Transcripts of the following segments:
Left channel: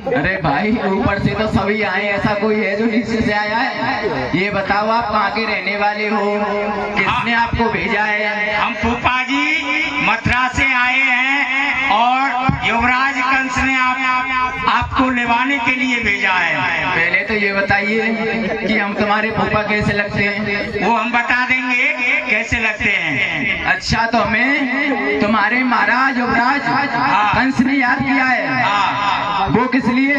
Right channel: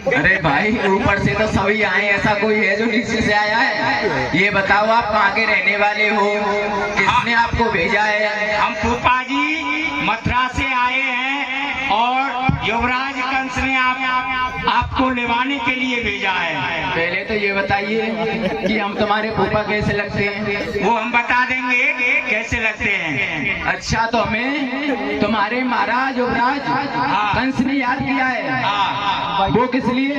अरे भाई ऊपर से तो सभी आए, ऐसा कोई है जो नीचे से आया है? ये बताओ आप कहाँ के रहने वाले हो, किसने आपको भेजा है? हम फूफा जी मथुरा से आए हैं और युवराज कंस ने आपको लेवाने के लिए भेजा है। पहले तो ये बताइए कि हम तुम्हारे फूफा कैसे लगते हैं? वो हम बता देंगे कैसे लगते हैं। अच्छा, तो हमें तुम्हारे महाराज युवराज कंस ने याद किया है। वो किस लिए?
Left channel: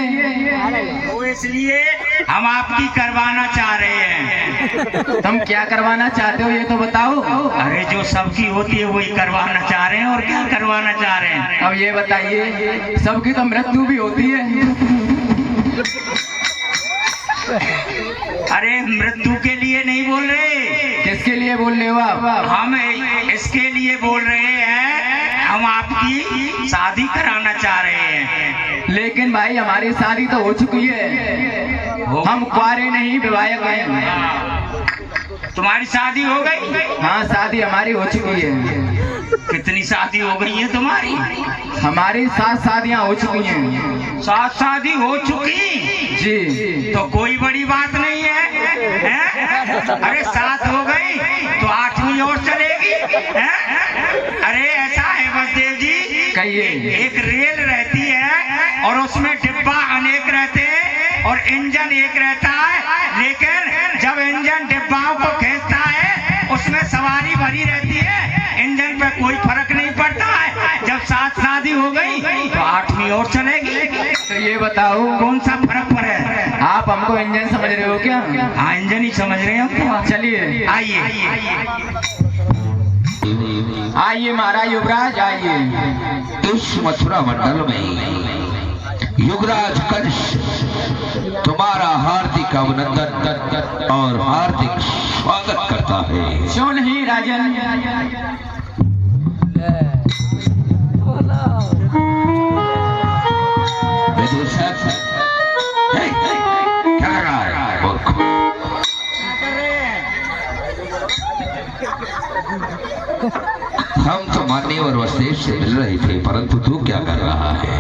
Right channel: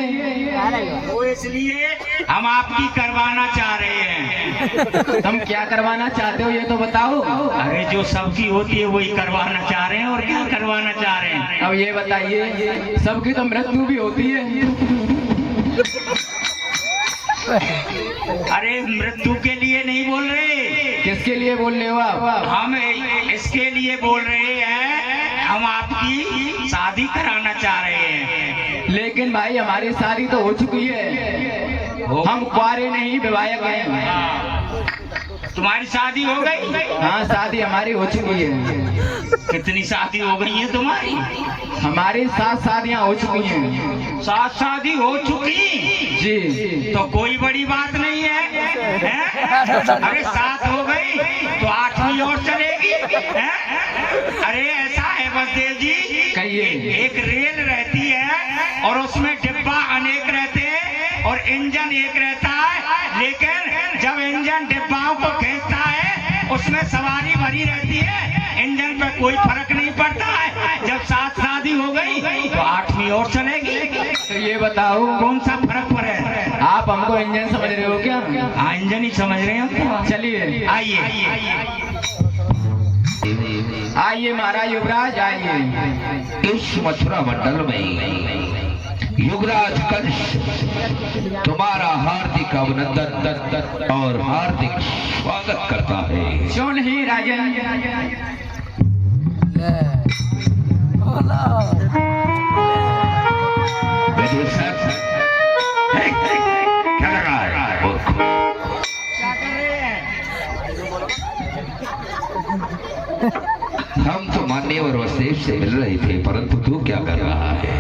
वो इसलिए हम आपकी करवाना चाह रहे हैं। तुम क्या करवाना चाहते हो ये तो बताओ। अरे जो सब्जी होती है वही करवाना चाह रहे हैं, और क्या करवाना चाह रहे हैं। अब ये बताइए, सबकी तो मृत्यु भी होती है। अरे मृत्यु के लिए नहीं बोल रहे। किसके लिए बोल रहे हो आप? हम इसके लिए बोल रहे हैं, हम आपकी शादी कराना चाह रहे हैं। लेकिन भाई हमारी शादी तो हो चुकी है, हम कुंवारे नहीं विवाहित हैं। तुम्हारी शादी हो गई? हाँ, शादी हमारी हो चुकी है। कितनी शादी हो गई है तुम्हारी? हमारी 7 शादियाँ हो चुकी हैं। 7 शादी हो चुकी जी। तो कोई बड़ी बात नहीं है, अरे 7 हो गई तो 8वीं और चलेगी है? अरे ऐसा है बसदेव जी, कहिए। एक रेल रहती है और उसमें डिब्बा अनेक रहते हैं और इंजन एक रहता है, लेकिन जब इंजन डिब्बाओं को खींचता है उसमें सवारी भरी रहती है, इंजन पे कोई फर्क नहीं पड़ता है। जब 7 शादी हो गई तो 8वीं और चलेगी। तो ये बताओ कौन सा फर्क पड़े? आप हमको इंजन समझ रहे हो क्या? हाँ, इंजन ही समझ रहे हो। चलिए आइए आइए महाराज युवराज आइए। इस मथुरा मंडल में युवराज कंस तुम्हारा हार्दिक अभिनंदन और हार्दिक स्वागत करता है। क्यों नहीं राजन? क्या कर रहा है? क्या कर रहे हैं? हम तो मान्यवर वसुदेव से मिल रहे थे, परंतु तू क्या कर रहा है?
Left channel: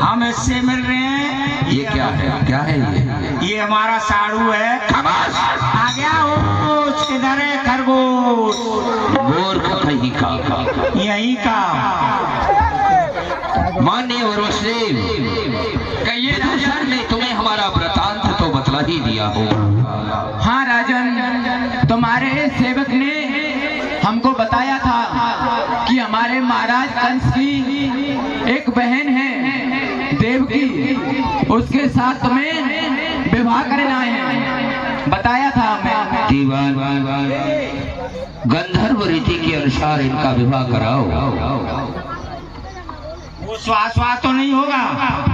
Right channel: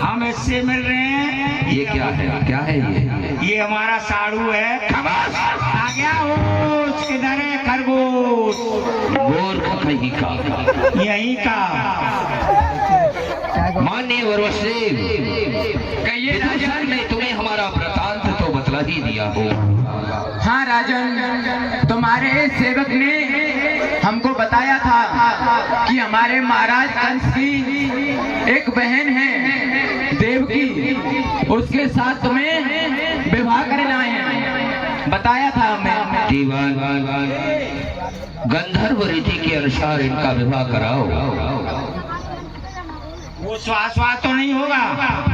हम इससे मिल रहे हैं। ये क्या है? क्या है ये? ये हमारा साड़ू है। खमास! आ गया होश, किधर है खरगोश? मूर्ख कहीं का। यहीं का। मान्यवर वसुदेव, कहिए विदूषण ने तुम्हें हमारा वृतांत तो बतला ही दिया हो। हाँ राजन, तुम्हारे सेवक ने हमको बताया था कि हमारे महाराज कंस की एक बहन है देवकी, उसके साथ तुम्हें विवाह करना है, बताया था हमें। दीवान गंधर्व रीति के अनुसार इनका विवाह कराओ। वो स्वाहा तो नहीं होगा,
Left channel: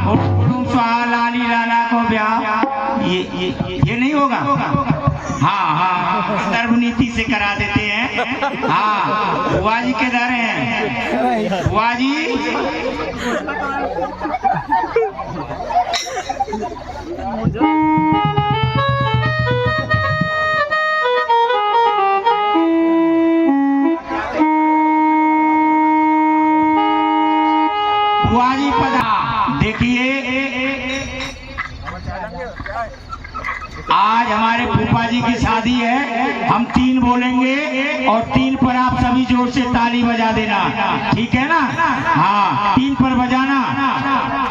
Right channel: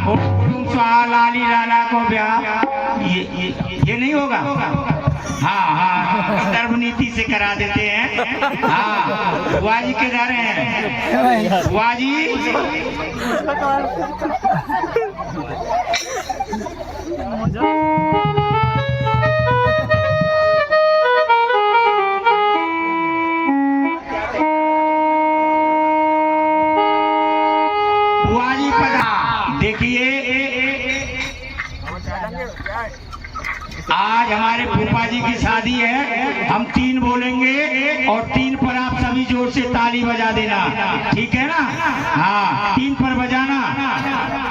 वो स्वाहा लाली लाला को ब्याह, ये नहीं होगा। हाँ, गंधर्व नीति से करा देते हैं। हाँ, बुआ जी के जा रहे हैं। बुआ जी देखिए, आज हमारे फूफा जी की शादी है। हम 3 बोलेंगे और 3 पर आप सभी जोर से ताली बजा देना, ठीक है ना? हाँ, 3 पर बजाना।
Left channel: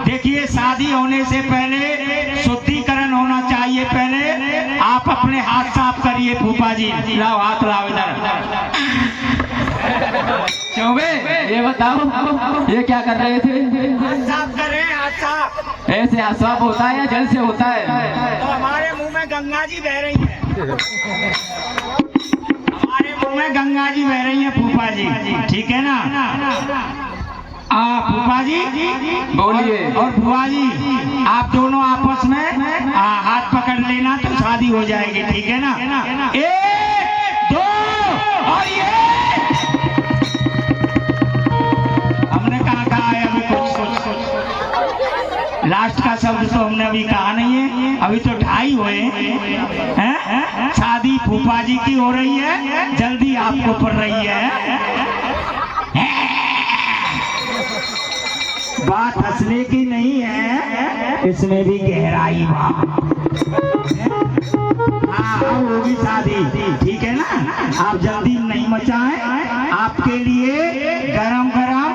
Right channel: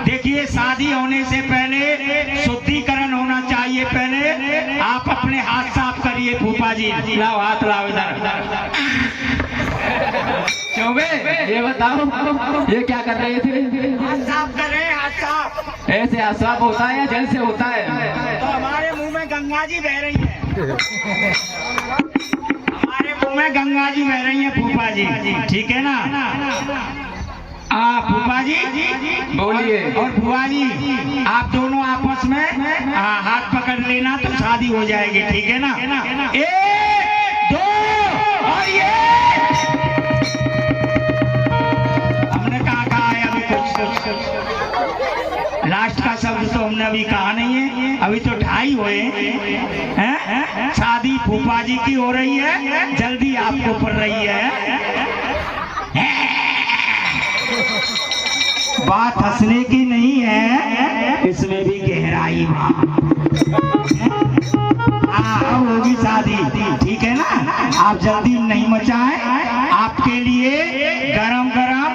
देखिए, शादी होने से पहले शुद्धिकरण होना चाहिए। पहले आप अपने हाथ साफ करिए। फूफा जी लाओ, हाथ लाओ इधर। चौबे, ये बताओ ये क्या कर रहे थे? हाथ साफ कर रहे हैं, हाथ साफ। ऐसे हाथ साफ होता है या जल से होता है? तो हमारे मुंह में गंगा जी बह रही हैं। हमारे मुंह में गंगा जी बह रही हैं फूफा जी, ठीक है ना? फूफा जी बोलिए। और बुआ जी, आप दोनों आपस में हाथ पकड़ लेना तो शादी हो जाएगी, ठीक है ना? 1 2 और ये हमने कहा है अभी लास्ट का शब्द तो हमने अभी कहा नहीं है। अभी तो 2:30 हुए हैं। शादी फूफा जी की हो रही है, जल्दी आपको पड़ रही है। बात हंसने की नहीं है, इसमें भी गहराई बा। अब होगी शादी, ठीक है ना। आप जल्दी नहीं मचाएं, आपके लिए गरम गरम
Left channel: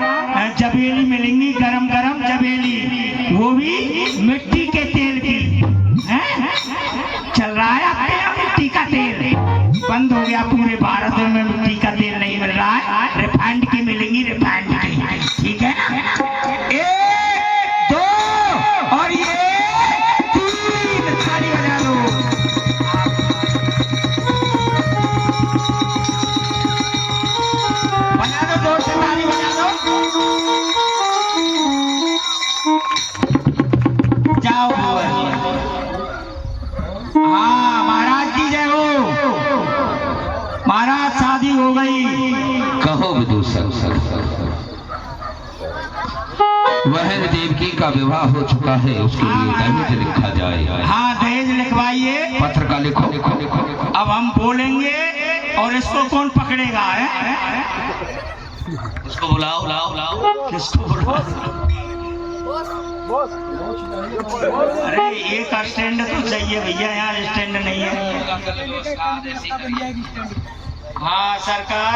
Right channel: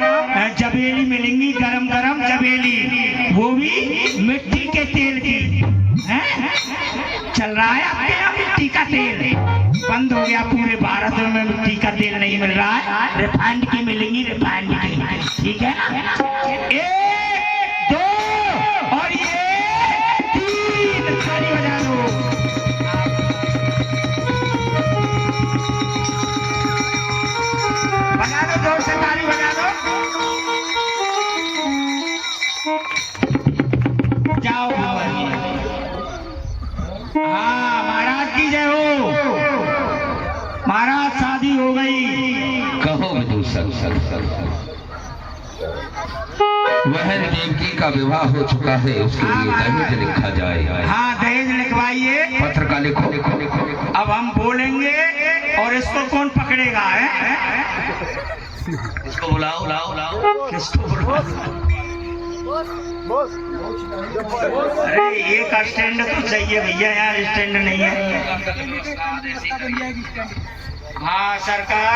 जबेली मिलेंगी, गरम गरम जबेली, वो भी मिट्टी के तेल की। चल रहा है आपके यहाँ मिट्टी का तेल, बंद हो गया पूरे भारत में, मिट्टी का तेल नहीं मिल रहा है, रिफाइंड की मिलेंगी, रिफाइंड की, ठीक है। 1 2 और ये 3, ताली बजा दो। बजा दो, जोर से ताली बजा दो। जाओ हाँ, महाराज की जय हो। महाराज शादी हो गई। कहो विदूषक, बहन देवकी का विवाह हो चुका है, उसके लिए दहेज लिखा जाए। हाँ, दहेज लिखवाइए। पत्र का लिखो। अब हम बोलेंगे और इसको कौन पकड़ेगा है? इसको बुलाओ, बुलाओ। किसको बुलाओ? अरे एक स्टैंड तो चाहिए भैया, यहाँ स्टैंड नहीं है। हाँ सरकार,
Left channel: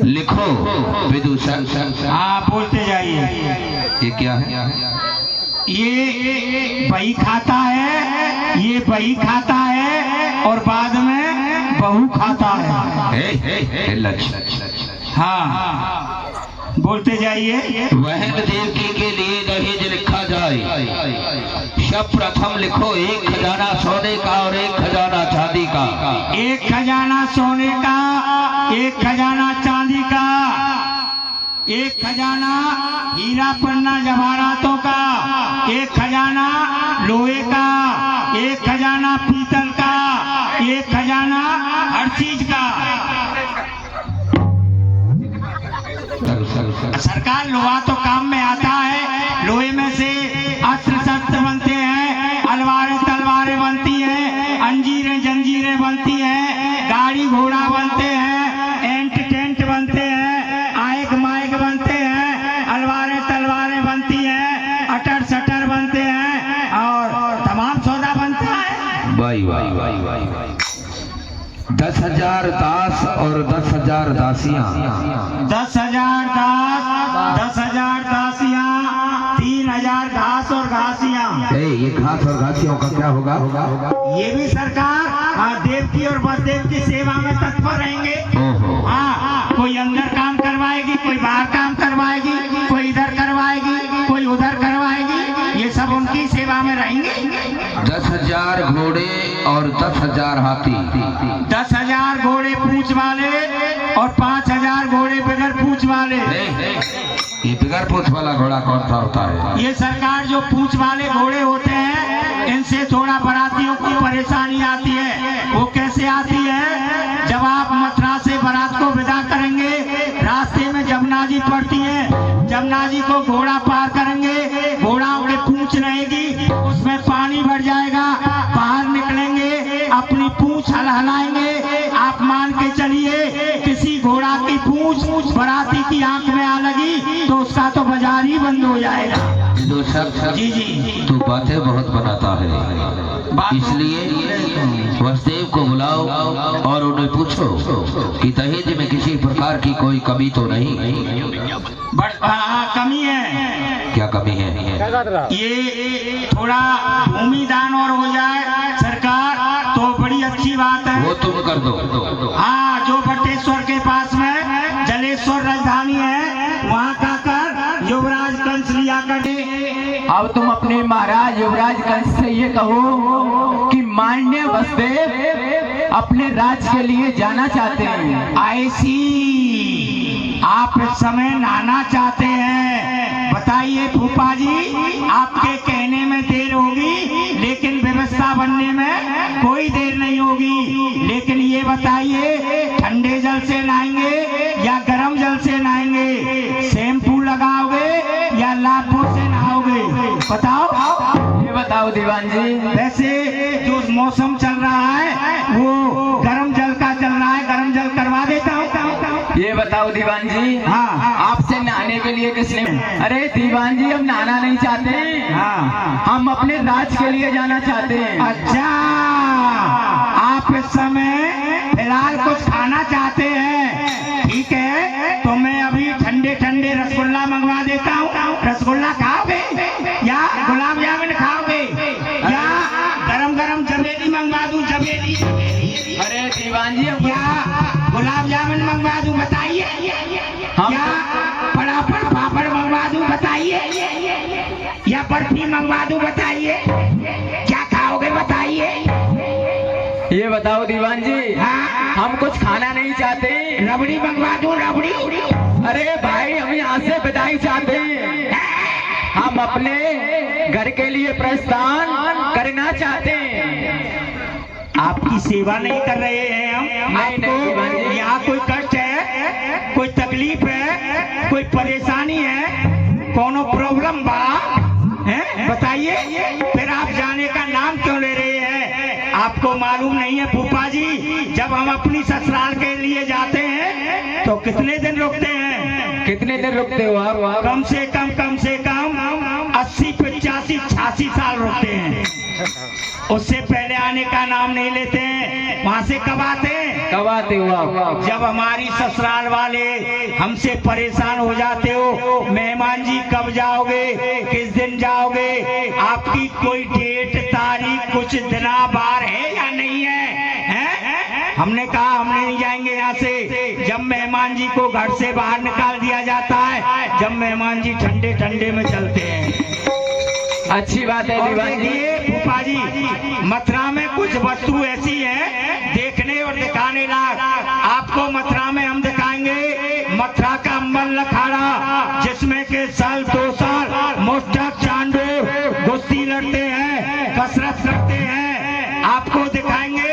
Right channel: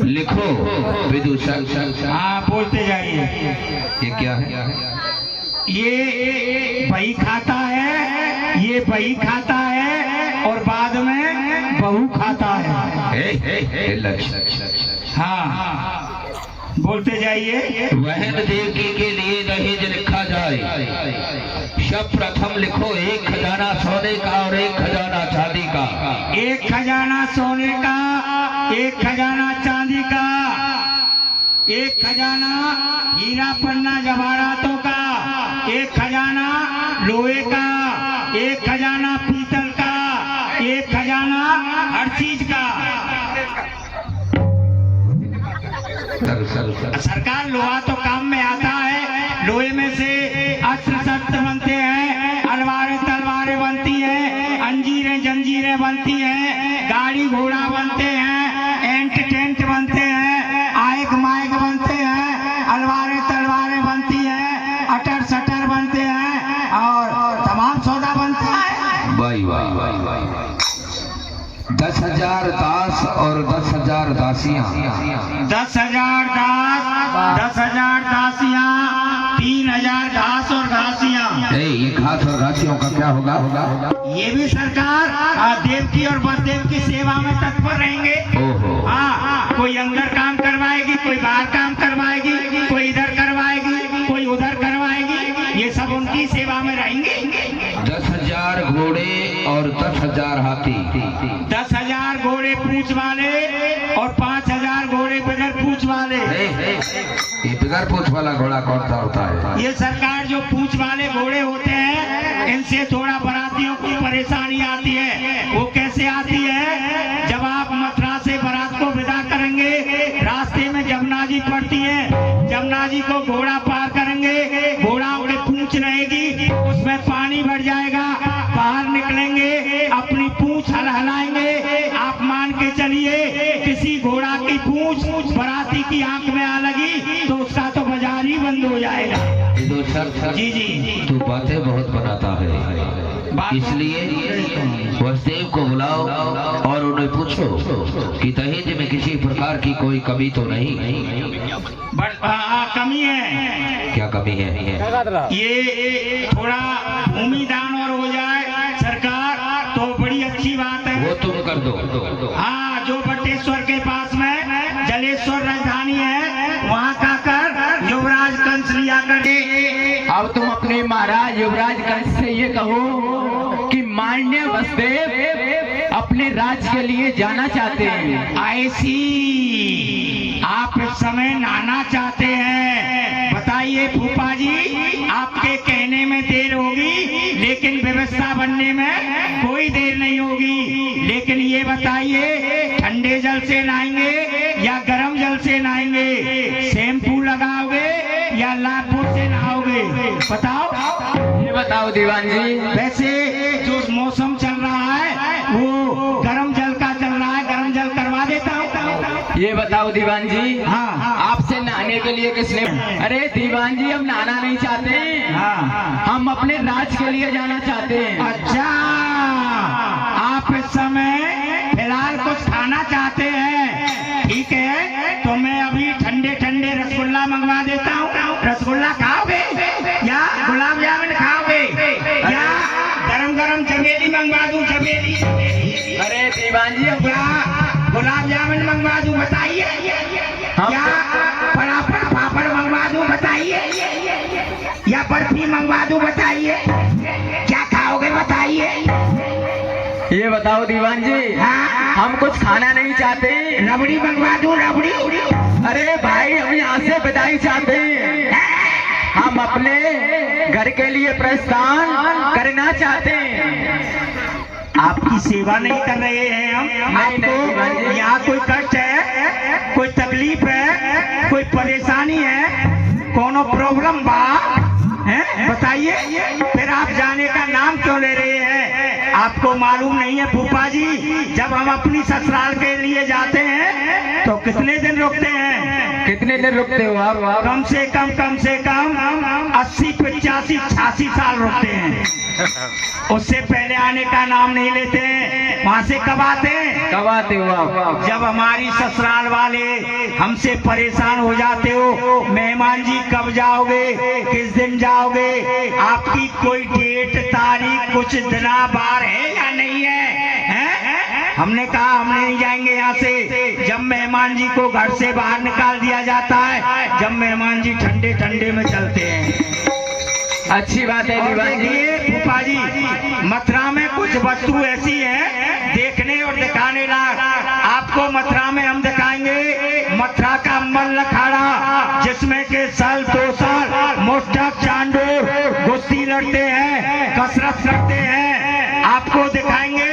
लिखो विदूषक। हाँ बोलते जाइए। ये क्या है? ये बही खाता है, ये बही खाता है और बाद में बहू खाता है। हाँ बोलते जाइए। बहन देवकी के लिए दहेज लिखा जाए। सब प्रथम लिखो 1 खजाना सोने का और 1 खजाना चांदी का। 1 खजाना सोने का, 1 खजाना चांदी का, 1 खजाना हीरा पन्ना जवाहरातों का, 1 खजाना लोहे का, 1 खजाना पीतल का, 1 खजाना हर चीज का। सरकार लोहा तो काम में आता है, लोहे में से अस्त्र शस्त्र बनते हैं, अलवारें तलवारें बनती हैं, अंजीरें जंजीरें बनती हैं, गाड़ी घोड़ा बनते हैं, एंट टेंट बनते हैं, आयक मायक बनते हैं, अलवारें तलवारें बनती हैं, अटर सटर बनते हैं और तमाम सौदा बनता है। वाह वाह वाह। 10,000 दास और 10,000 दासियां। 10,000 दास, 10,000 दासियां, 3,000 घास और घासियां। ये घास और घासियों का क्या होगा? ये भी सरकार देवकी और बसदेव की सेवा में तत्पर रहेंगे। हाँ, कोई अंदर काम करवाएगी, कोई बाहर काम करवाएगी, कोई इधर करवाएगी, कोई उधर करवाएगी, ये सब उनकी सेवा में रहेंगे। 10,000 घोड़े और 10,000 हाथी। 10,000 घोड़े पूंछ वाले और 5,000 घोड़े बगैर पूंछ वाले। ये बगैर पूंछ वाला घोड़ा कौन सा होता है? ये सरकार जो पूंछ वाले घोड़े होते हैं, इनसे थोड़ा बारातियों को परेशानी आती है। वो कैसे आती है? जब आप मथुरा से बारात को विदा करेंगे, रास्ते में जमुना जी पड़ती है, जमुना जी को घोड़ा पार करेंगे, घोड़ा उनके पूंछ रहेगी, उसमें पानी भर जाएगा, बाहर निकलेंगे, अपनी पूंछ हलाएंगे। आप मान के चलिए किसी घोड़ा की पूंछ बराती की आंख में आ लगी तो उसका तो बाजार ही बंद हो जाएगा। जी जी, तू बातें बहुत बनाता है, इसलिए वसुदेव को बुलाओ और उन्हें पूछो कि दहेज में किसी प्रकार की कोई कमी तो नहीं। हाँ कमी है। क्या कमी है? ये थोड़ा भूमि दान और हो जाए सरकार तो बड़ी अच्छी बात है। वो तुम कर दो। हाँ, जो बटेश्वर के पास में जलेश्वर राजधानी है, वहाँ का कर युवराज कंस लिया करके। अब तुम अपने महाराज युवराज कंस से ये कहो कि माननीय वसुदेव अपने राज के लिए जाना चाहते हैं। ऐसी आप इस समय नहाना चाहते हैं। बताइए फूफा जी, आपके कहने में देर होगी लेकिन व्यवस्था बनने में कोई देर नहीं होगी। लेकिन ये बताइए, ठंडे जल से नहाएंगे या गर्म जल से नहाएंगे? शैम्पू लगाओगे या लापुर से नहाओगे? बताओ। ये बताओ दीवान जी। वैसे जो मौसम चल रहा है वो गर्म जल का चल रहा है, गर्म जल करवा देता हूँ। ये बताओ दीवान जी। हाँ, आपसे नहाने नहाने के लिए किसने? अरे दीवान जी, हम नहाना नहीं चाहते, हाँ। हम अपने राज के लिए जाना चाहते हैं। अच्छा, आप इस समय फिलहाल कुछ खाना चाहते हैं, ठीक है, तो मैं अभी ठंडे ठंडे रसगुल्ला मंगवा देता हूँ। रसगुल्ला खाओगे या गुलाब जामुन खाओगे या गरम गरम जलेबी मंगवा दूं? जलेबी अरे दीवान जी, हम या गुलाब जामुन मंगवा दूं? बताइए। या पराठा पापड़ मंगवा दूं? बताइए। या बर्फी मंगवा दूं? बताइए। क्या खाओगे बताइए। ये बताओ दीवान जी, हाँ? हम कुछ खाना नहीं चाहते। रबड़ी मंगवा दूं? रबड़ी? अरे भाई, हम यहाँ से विदाई चाहते हैं, हम अपने घर के लिए प्रस्थान करना चाहते हैं। आपकी सेवा नहीं कर रहे हैं हम। नहीं, दीवान आपको जी। यहाँ कोई कष्ट है, कोई तकलीफ है, कोई परेशानी है, कोनो प्रॉब्लम बा है, बताइए। फिर आप जाने का नाम क्यों ले रहे हैं? आपको मालूम नहीं है फूफा जी, जब हम अपनी ससुराल के लिए जाते हैं तो कितने दिन रुकते हैं? कितने दिन रुकते हो आप? कम से कम 80, 85, 86 साल रुकते हैं। उससे पहले आने का नाम नहीं लेते हैं। वहाँ से कब आते हैं? कब आते हो आप? जब हमारी ससुराल वाले हमसे परेशान हो जाते हो, मेहमान जी कब जाओगे, किस दिन जाओगे, आपकी कोई डेट तारीख कुछ दिना बार है या नहीं है? हमने कहा हम नहीं जाएंगे यहाँ से। जब मेहमान जी को घर से बाहर निकाल दिया जाता है, जब मेहमान जी ठंडे ठंडे में चलते हैं। अच्छी बात है और दीवान जी। देखिए फूफा जी, मथुरा में कुछ वस्तु ऐसी है देखने और दिखाने लायक। आपको मथुरा में हम दिखाएंगे मथुरा का अम्बल अखाड़ा, जिसमें के साल 2 साल मोस्टक चांडोर कुश्ती लड़ते हैं, कसरत करते हैं। आपको दिखाएंगे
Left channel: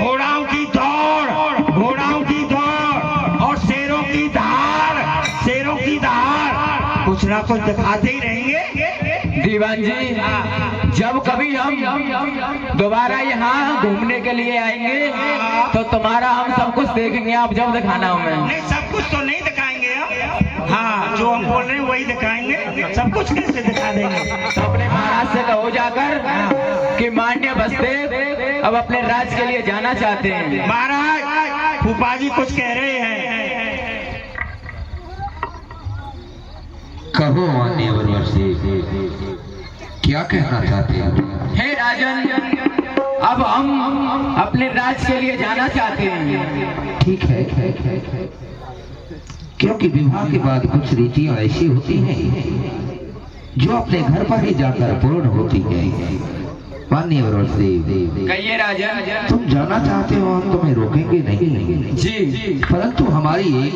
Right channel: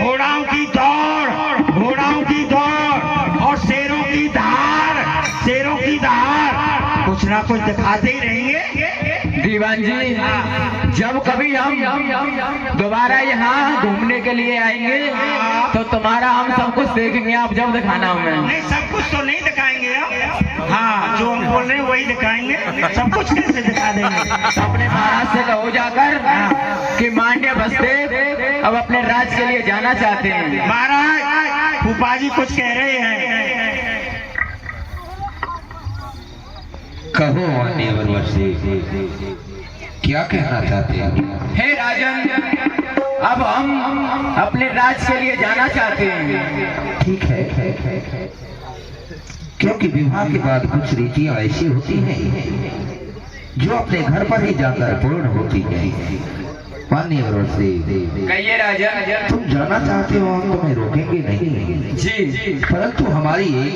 घोड़ाओं की दौड़, घोड़ाओं की दौड़ और शेरों की धार, शेरों की धार, कुछ ना कुछ दिखाते ही रहेंगे। दीवान जी, जब कभी हम दोबारा यहाँ घूमने के लिए आएंगे तो तुम्हारा हम सब कुछ देखेंगे। आप जब दिखाना हमें। नहीं, सब कुछ तो नहीं दिखाएंगे हम। हाँ, जो हम बोल रहे हैं वही दिखाएंगे। सब कुछ कैसे दिखा देंगे? तो अपने महाराज से कहो जाकर कि मान्य बसदेव अब अपने राज के लिए जाना चाहते हैं। महाराज, फूफा जी कुछ कह रहे हैं। कहो मान्यवर वसदेव, क्या कहना चाहते हैं? हे राजन, अब हम अपने राज के लिए जाना चाहते हैं। ठीक है, क्योंकि विवाह के बाद कुछ रीतियां ऐसी होती हैं जो अपने घर पर ही जाकर पूर्ण होती हैं। मान्यवर वसदेव, कहिए राजन। तुम जाना चाहते हो, हम तुम्हें रोकेंगे नहीं जी, परंतु हमारी एक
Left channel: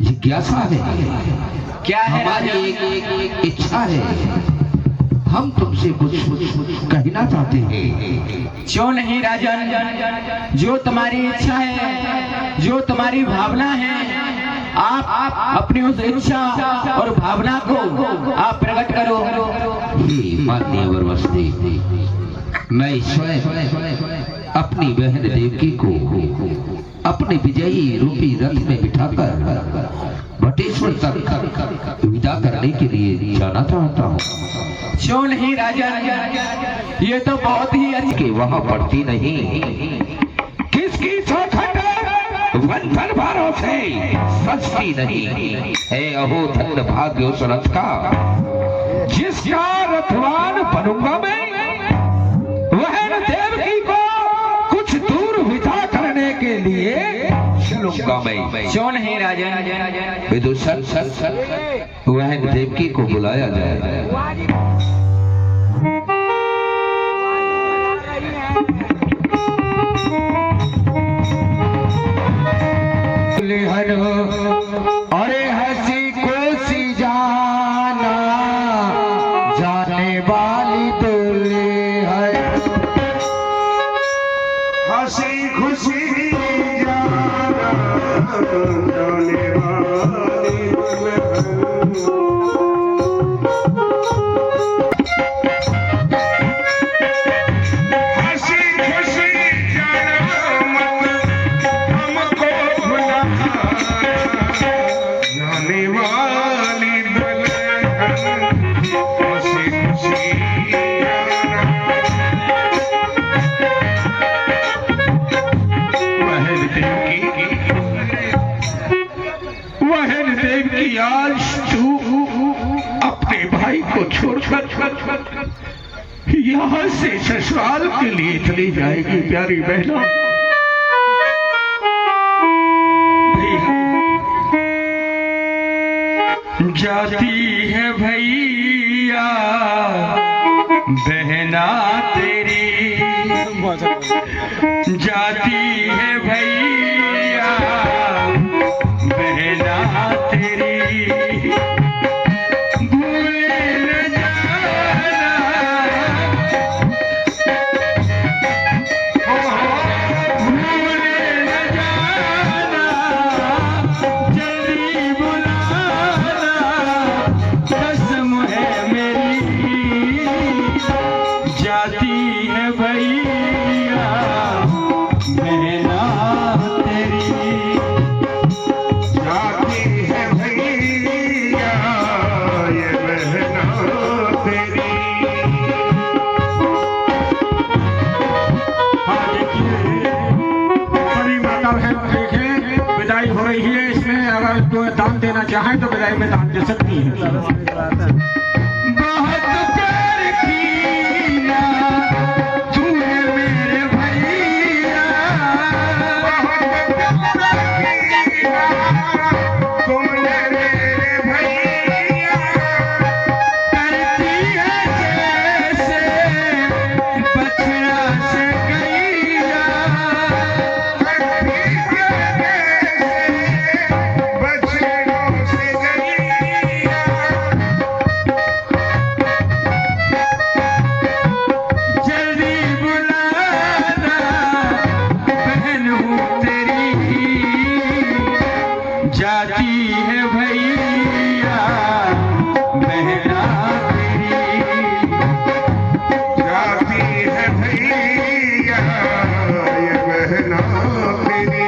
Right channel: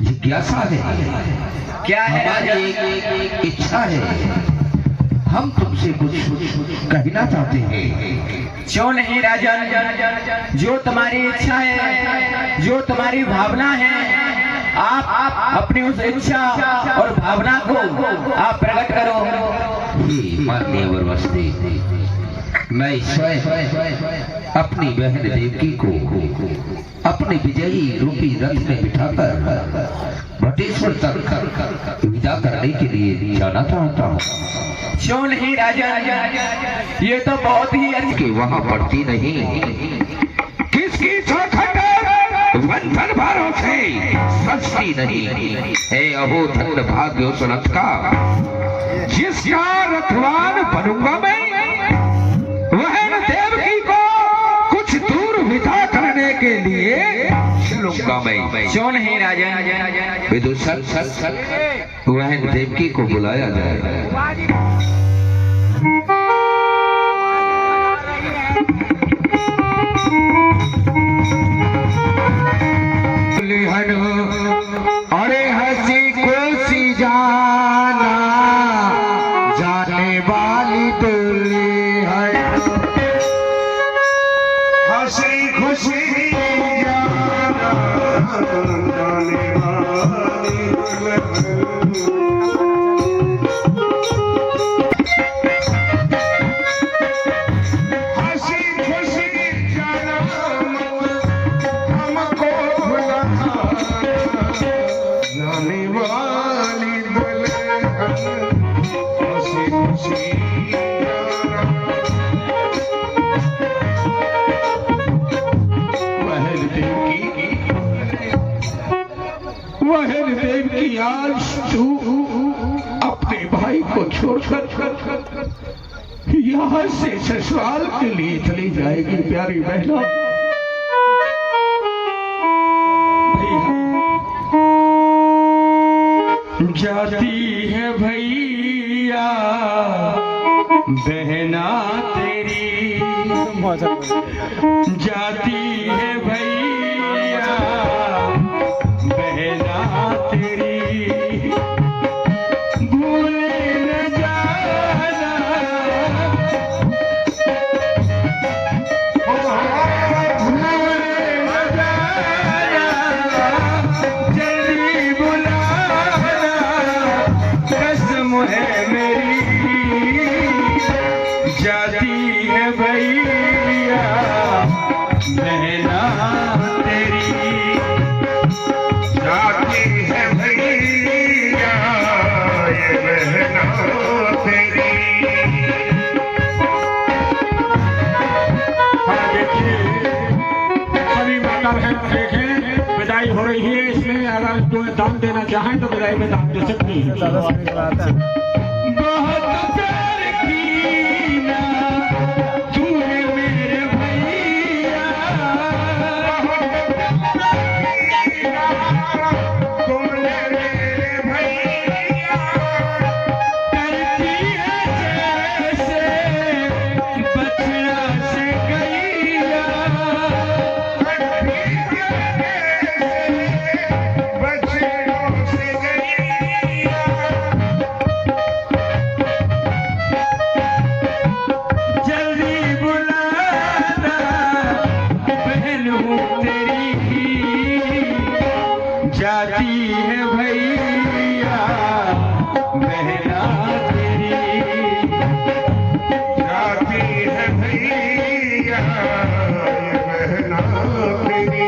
जिज्ञासा है, क्या है हमारी राजन? एक इच्छा है, हम तुमसे कुछ कहना चाहते हैं। क्यों नहीं राजन, जो तुम्हारी इच्छा है, जो तुम्हारी भावना है, आप अपनी उस इच्छा और भावना को आप प्रकट करो। हे मान्यवर वसदेव, मैं स्वयं अपनी बहन देवकी को अपने विजयी रूपी रथ में बिठाकर भटेश्वर तक विदा करने के लिए जाना चाहता हूँ। क्यों नहीं राजन, ये तो बहुत ही कि वहाँ पड़ती नहीं किसकी चौखट बंधन भारों से सस्ती नहीं है। अहो धन्य भाग्य उस रथ का, जिसका रथवान बनूंगा मैं। वह देवकी को कुछ दूर विदा करने के लिए चलूंगा मैं। क्यों नहीं राजन? विदुषक वह देवकी को बुलाया जाए। अरे हंसी खुशी जाना, जाने वाली दुल्ली है। हंसी खुशी जाना, जाने वाली दुल्हन। जाने वाली खुशी खुशी वहन देव की आज तू अपने भाई को छोड़कर यहाँ से ससुराल के लिए चली जाएगी प्यारी बहना। जाती है भैया बहना तेरी, जाती है भैया बहना तेरी, भूले न जाना, भूले न जाना, जल्दी बुलाना, कसम है मेरी, जाती है भैया बहना तेरी, जाती है भैया ये बहना तेरी। हाँ देखिए बड़ी माता है, देखिए विदाई हो रही है, इसमें अगर तो दान देना चाहें तो विदाई में दान दे सकती है। बहुत प्यार किया तूने मेरे भैया, तूने मेरे भैया, करती है जैसे बछड़ा से गैया, बछड़ों से गैया, जल्दी बुलाना बहन हूँ तेरी, जाती है भैया बहना तेरी, जाती है भैया ये बहना तेरी।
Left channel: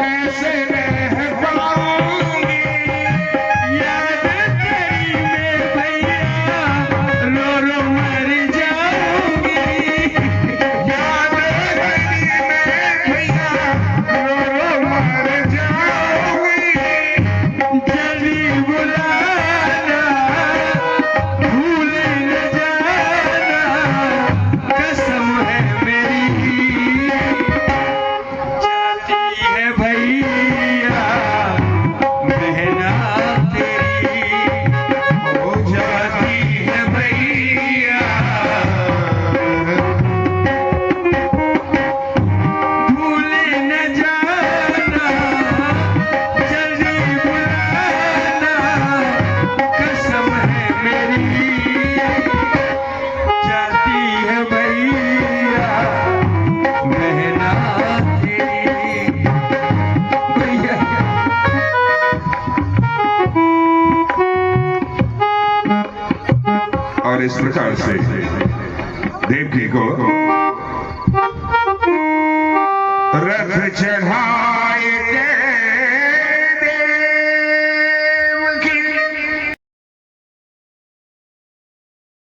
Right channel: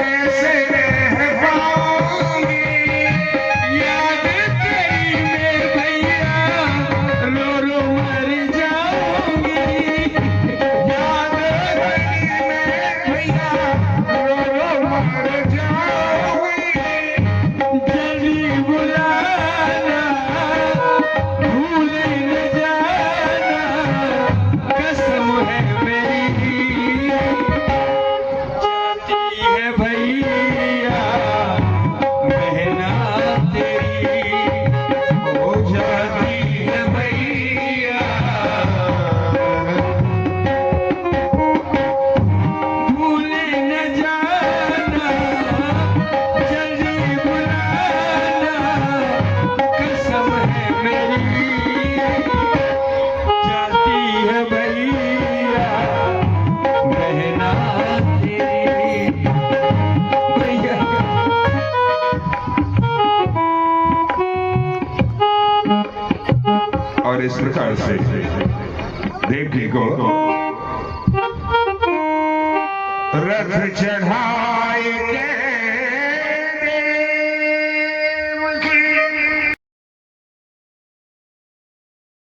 कैसे रह पाऊंगी, याद तेरी में भैया रो रो मर जाऊंगी, याद तेरी में भैया रो रो मर जाऊंगी, जल्दी बुलाना, भूल न जाना, कसम है मेरी, जाती है भैया बहना तेरी, ओ जाती है भैया, भूल न जाना, जल्दी बुलाना, कसम है मेरी, जाती है भैया बहना तेरी, भैया। और इस प्रकार से देवकी को रथ चढ़ा